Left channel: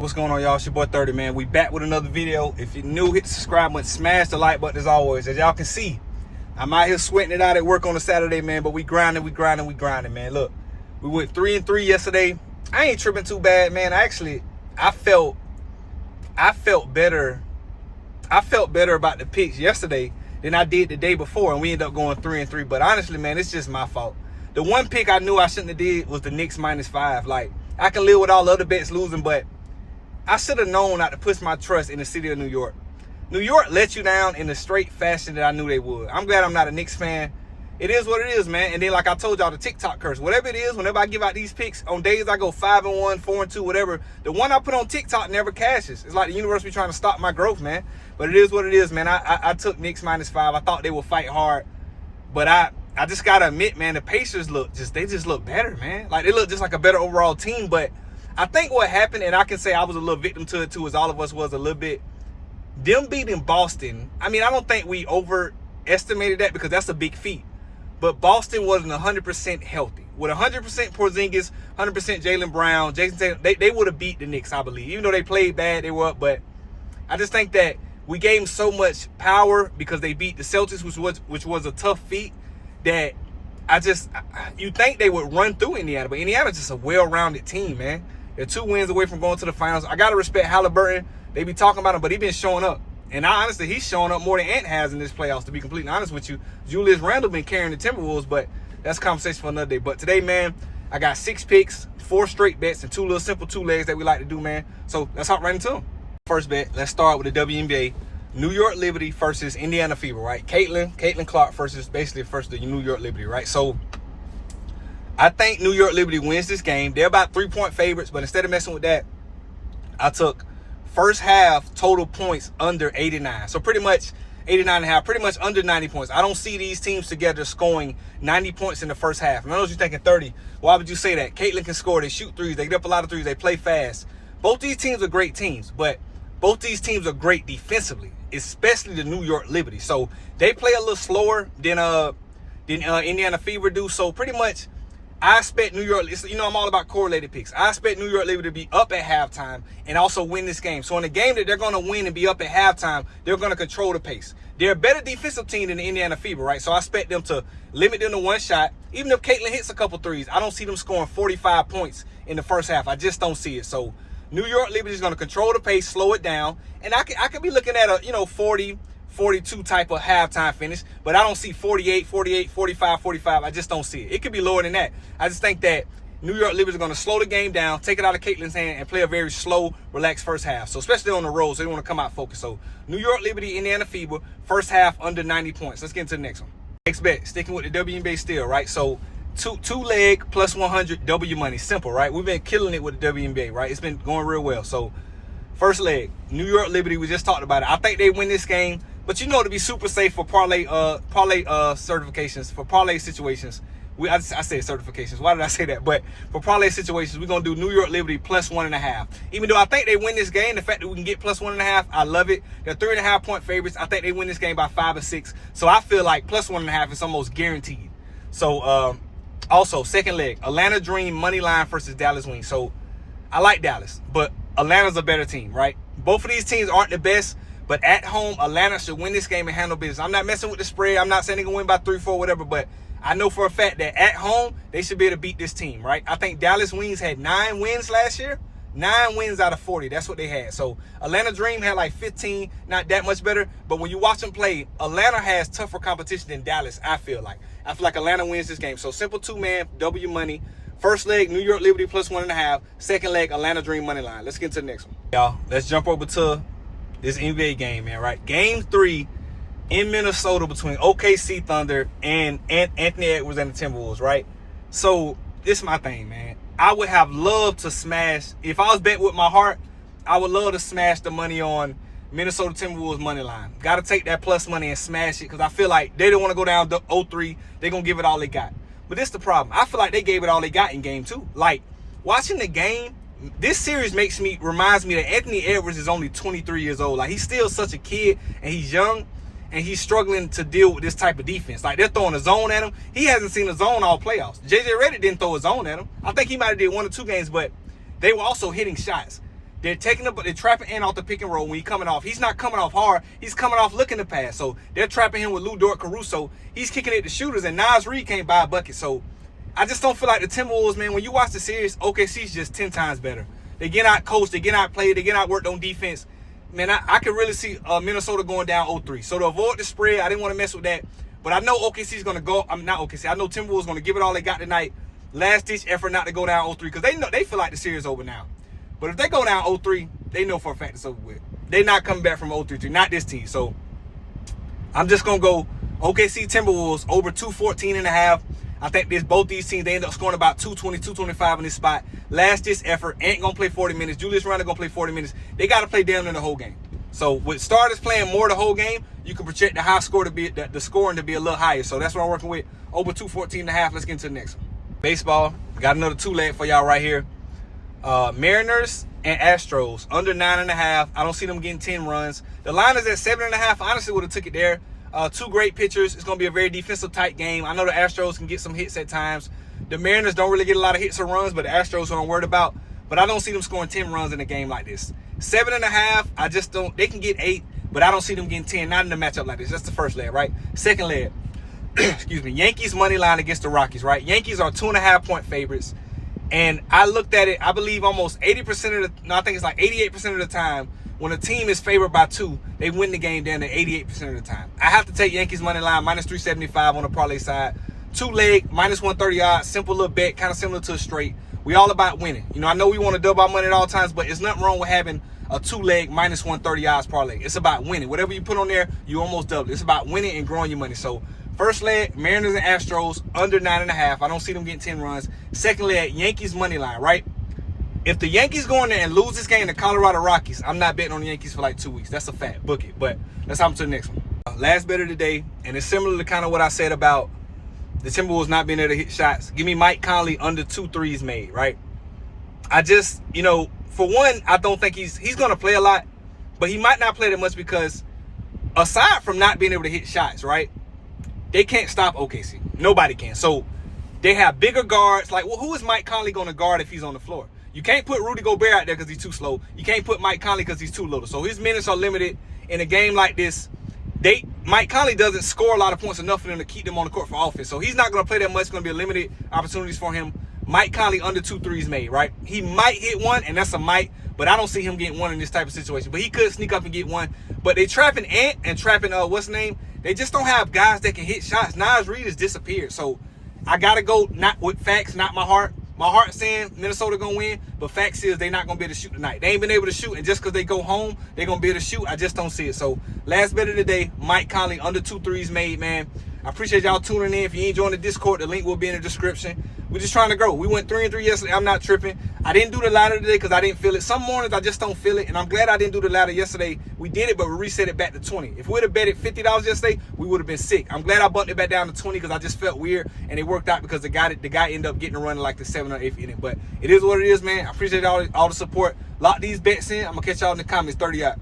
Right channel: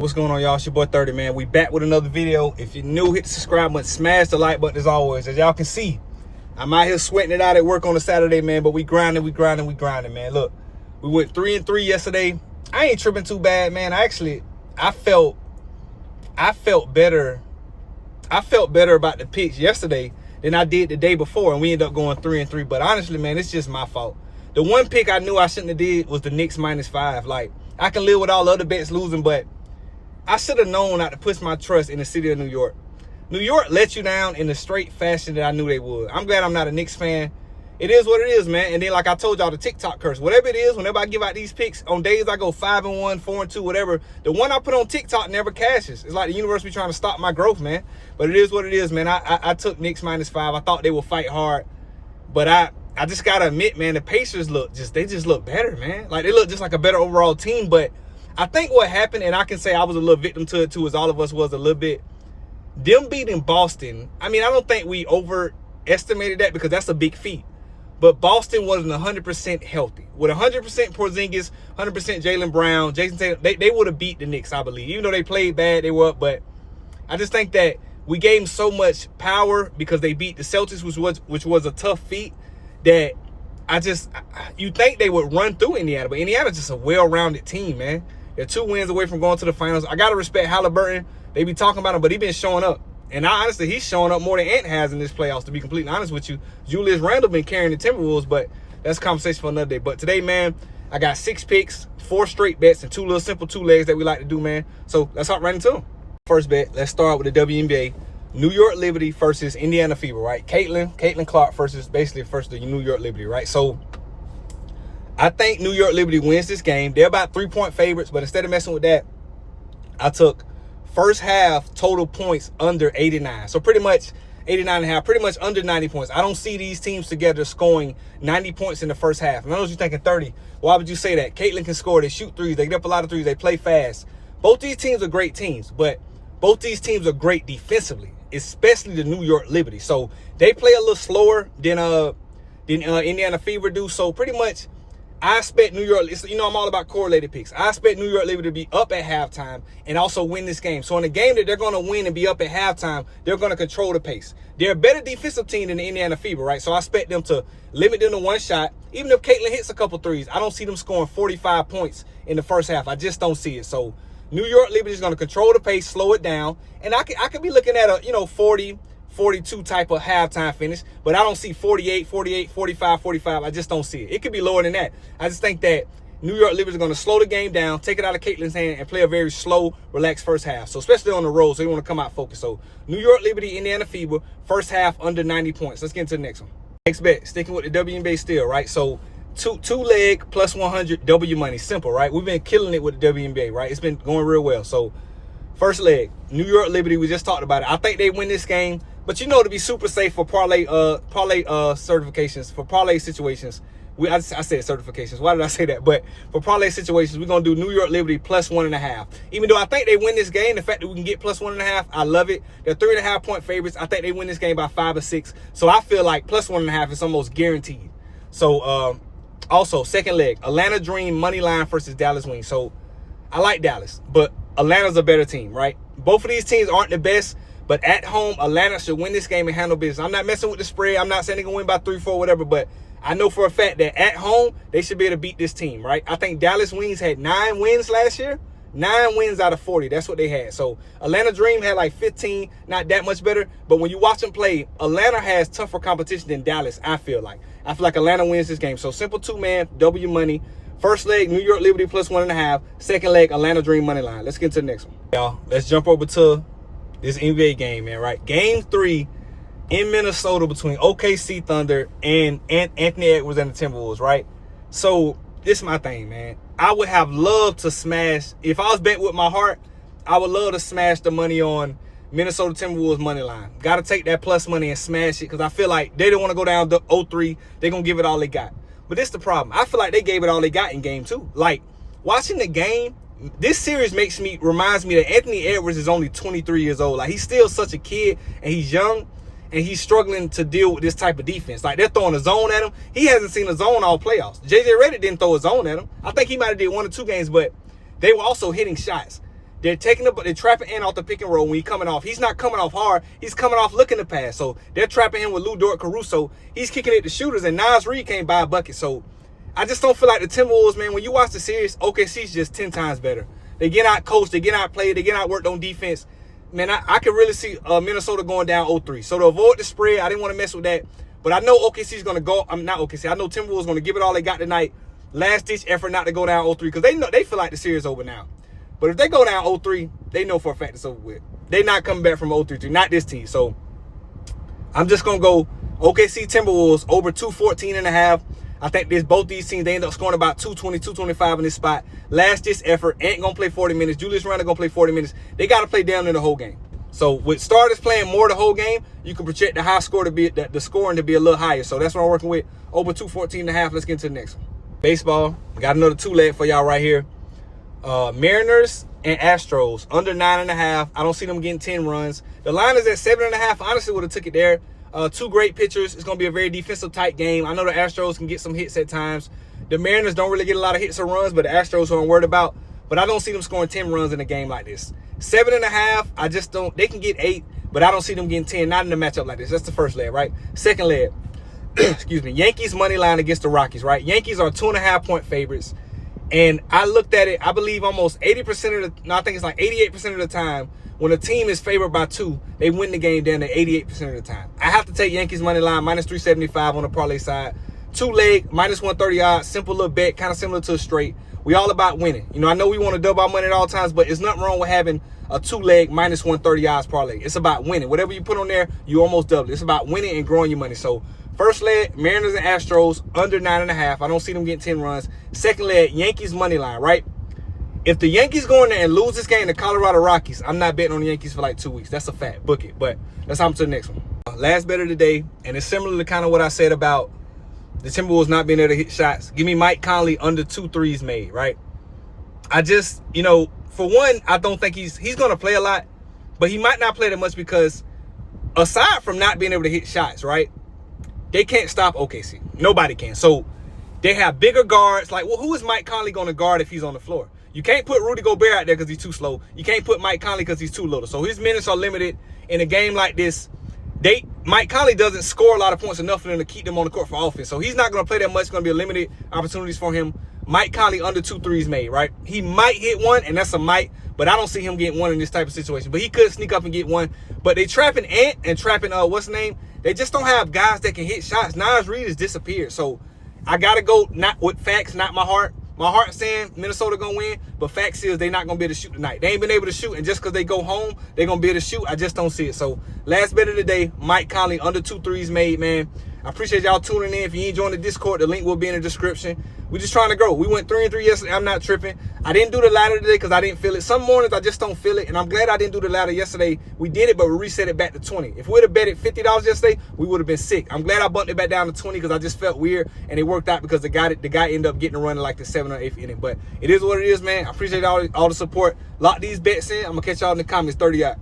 What's going on, y'all? It's your boy 30, man. We back with another video. If you're new, hit the subscribe button, smash the like button as always. As y'all can see, I'm out here sweating it out at work on a Saturday, man, but we grinding, man. Look, we went 3-3 yesterday. I ain't tripping too bad, man. I felt better. I felt better about the picks yesterday than I did the day before, and we ended up going 3-3. But honestly, man, it's just my fault. The one pick I knew I shouldn't have did was the Knicks -5. Like, I can live with all other bets losing, but I should have known not to put my trust in the city of New York. New York let you down in the straight fashion that I knew they would. I'm glad I'm not a Knicks fan. It is what it is, man. And then, like I told y'all, the TikTok curse. Whatever it is, whenever I give out these picks, on days I go 5-1, 4-2, whatever, the one I put on TikTok never cashes. It's like the universe be trying to stop my growth, man. But it is what it is, man. I took Knicks -5. I thought they would fight hard. But I just got to admit, man, the Pacers they just look better, man. Like, they look just like a better overall team. But I think what happened, and I can say I was a little victim to it too, as all of us was a little bit, them beating Boston. I mean, I don't think we overestimated that because that's a big feat. But Boston wasn't 100% healthy. With 100% Porzingis, 100% Jaylen Brown, Jason Tatum, they would have beat the Knicks, I believe. Even though they played bad, they were up. But I just think that we gave them so much power because they beat the Celtics, which was a tough feat, that you think they would run through Indiana. But Indiana's just a well-rounded team, man. They're 2 wins away from going to the finals. I got to respect Halliburton. They be talking about him, but he been showing up. And honestly, he's showing up more than Ant has in this playoffs, to be completely honest with you. Julius Randle been carrying the Timberwolves, but that's a conversation for another day. But today, man, I got 6 picks, 4 straight bets, and 2 little simple 2 legs that we like to do, man. So let's hop right into them. First bet, let's start with the WNBA. New York Liberty versus Indiana Fever, right? Caitlin Clark versus the New York Liberty, right? So I think New York Liberty wins this game. They're about 3-point favorites, but instead of messing with that, I took first half total points under 89. So pretty much 89.5, pretty much under 90 points. I don't see these teams together scoring 90 points in the first half. And I know you're thinking 30. Why would you say that? Caitlin can score. They shoot threes. They get up a lot of threes. They play fast. Both these teams are great teams, but both these teams are great defensively, especially the New York Liberty. So they play a little slower than Indiana Fever do. So pretty much I expect New York, I'm all about correlated picks. I expect New York Liberty to be up at halftime and also win this game. So in a game that they're going to win and be up at halftime, they're going to control the pace. They're a better defensive team than the Indiana Fever, right? So I expect them to limit them to 1 shot. Even if Caitlin hits a couple threes, I don't see them scoring 45 points in the first half. I just don't see it. So New York Liberty is going to control the pace, slow it down. And I could be looking at a, 40, 42 type of halftime finish, but I don't see 48, 45. I just don't see it. It could be lower than that. I just think that New York Liberty is going to slow the game down, take it out of Caitlin's hand, and play a very slow, relaxed first half. So especially on the road, so they want to come out focused. So New York Liberty, Indiana Fever, first half under 90 points. Let's get into the next one. Next bet, sticking with the WNBA still, right? So two leg plus 100 W money. Simple, right? We've been killing it with the WNBA, right? It's been going real well. So first leg, New York Liberty, we just talked about it. I think they win this game. But to be super safe for parlay certifications, for parlay situations, I said certifications. Why did I say that? But for parlay situations, we're going to do New York Liberty plus 1.5. Even though I think they win this game, the fact that we can get plus 1.5, I love it. They're 3.5 point favorites. I think they win this game by 5 or 6. So I feel like plus 1.5 is almost guaranteed. So also, second leg, Atlanta Dream money line versus Dallas Wings. So I like Dallas, but Atlanta's a better team, right? Both of these teams aren't the best. But at home, Atlanta should win this game and handle business. I'm not messing with the spread. I'm not saying they're going to win by 3, 4, whatever. But I know for a fact that at home, they should be able to beat this team, right? I think Dallas Wings had 9 wins last year. 9 wins out of 40. That's what they had. So Atlanta Dream had like 15. Not that much better. But when you watch them play, Atlanta has tougher competition than Dallas, I feel like. I feel like Atlanta wins this game. So simple 2-man, W money. First leg, New York Liberty plus 1.5. Second leg, Atlanta Dream money line. Let's get to the next one. Y'all, let's jump over to this NBA game, man, right? Game 3 in Minnesota between OKC Thunder and Anthony Edwards and the Timberwolves, right? So this is my thing, man. I would have loved to smash, if I was betting with my heart, I would love to smash the money on Minnesota Timberwolves money line. Got to take that plus money and smash it because I feel like they don't want to go down to 0-3. They're going to give it all they got. But this is the problem. I feel like they gave it all they got in game 2. Like, watching the game, this series reminds me that Anthony Edwards is only 23 years old. Like, he's still such a kid and he's young and he's struggling to deal with this type of defense. Like, they're throwing a zone at him. He hasn't seen a zone all playoffs. JJ Redick didn't throw a zone at him. I think he might have did 1 or 2 games, but they were also hitting shots. they're trapping Ant off the pick and roll when he's coming off. He's not coming off hard. He's coming off looking to pass. So they're trapping him with Lou Dort Caruso. He's kicking it to shooters, and Nas Reed can't buy a bucket. So I just don't feel like the Timberwolves, man. When you watch the series, OKC's just 10 times better. They get out coached, they get out played, they get out worked on defense. Man, I could really see Minnesota going down 0-3. So to avoid the spread, I didn't want to mess with that. But I know OKC's going to go. I'm not OKC. I know Timberwolves going to give it all they got tonight. Last-ditch effort not to go down 0-3 because they feel like the series is over now. But if they go down 0-3, they know for a fact it's over with. They not coming back from 0-3. Not this team. So I'm just going to go OKC Timberwolves over 214.5. I think both these teams, they end up scoring about 220, 225 in this spot. Last-ditch effort. Ain't going to play 40 minutes. Julius Randle going to play 40 minutes. They got to play down in the whole game. So with starters playing more the whole game, you can project the high score to be the scoring to be a little higher. So that's what I'm working with. Over 214.5. Let's get into the next one. Baseball. Got another two-leg for y'all right here. Mariners and Astros under 9.5. I don't see them getting 10 runs. The line is at 7.5. Honestly, would have took it there. Two great pitchers. It's going to be a very defensive type game. I know the Astros can get some hits at times. The Mariners don't really get a lot of hits or runs, but the Astros are I'm worried about. But I don't see them scoring 10 runs in a game like this. 7.5, I just don't. They can get 8, but I don't see them getting 10. Not in a matchup like this. That's the first leg, right? Second leg, excuse me, Yankees money line against the Rockies, right? Yankees are 2.5-point favorites. And I looked at it, I believe almost 80% of the, no, I think it's like 88% of the time, when a team is favored by 2, they win the game down to 88% of the time. I have to take Yankees money line, minus 375 on the parlay side. 2-leg, minus 130 odds, simple little bet, kind of similar to a straight. We all about winning. You know, I know we want to double our money at all times, but it's nothing wrong with having a 2-leg, minus 130 odds parlay. It's about winning. Whatever you put on there, you almost double it. It's about winning and growing your money. So, first leg, Mariners and Astros, under 9.5. I don't see them getting 10 runs. Second leg, Yankees money line, right? If the Yankees go in there and lose this game to Colorado Rockies, I'm not betting on the Yankees for like 2 weeks. That's a fact. Book it. But let's hop to the next one. Last bet of the day, and it's similar to kind of what I said about the Timberwolves not being able to hit shots. Give me Mike Conley under 2 threes made, right? I just, you know, for one, I don't think he's going to play a lot, but he might not play that much because aside from not being able to hit shots, right, they can't stop OKC. Nobody can. So they have bigger guards. Like, well, who is Mike Conley going to guard if he's on the floor? You can't put Rudy Gobert out there because he's too slow. You can't put Mike Conley because he's too little. So his minutes are limited. In a game like this, Mike Conley doesn't score a lot of points enough for them to keep them on the court for offense. So he's not going to play that much. It's going to be a limited opportunities for him. Mike Conley under 2 threes made, right? He might hit one, and that's a might, but I don't see him getting one in this type of situation. But he could sneak up and get one. But they trapping Ant and trapping, what's his name? They just don't have guys that can hit shots. Nas Reed has disappeared. So I got to go not with facts, not my heart. My heart's saying Minnesota going to win, but facts is they're not going to be able to shoot tonight. They ain't been able to shoot, and just because they go home, they're going to be able to shoot. I just don't see it. So last bet of the day, Mike Conley under 2 threes made, man. I appreciate y'all tuning in. If you ain't joined the Discord, the link will be in the description. We're just trying to grow. We went 3-3 yesterday. I'm not tripping. I didn't do the ladder today because I didn't feel it. Some mornings I just don't feel it, and I'm glad I didn't do the ladder yesterday. We did it, but we reset it back to 20. If we would have betted $50 yesterday, we would have been sick. I'm glad I bumped it back down to 20 because I just felt weird, and it worked out because the guy ended up getting a run in like the 7th or 8th inning. But it is what it is, man. I appreciate all the support. Lock these bets in. I'm going to catch y'all in the comments. 30 out.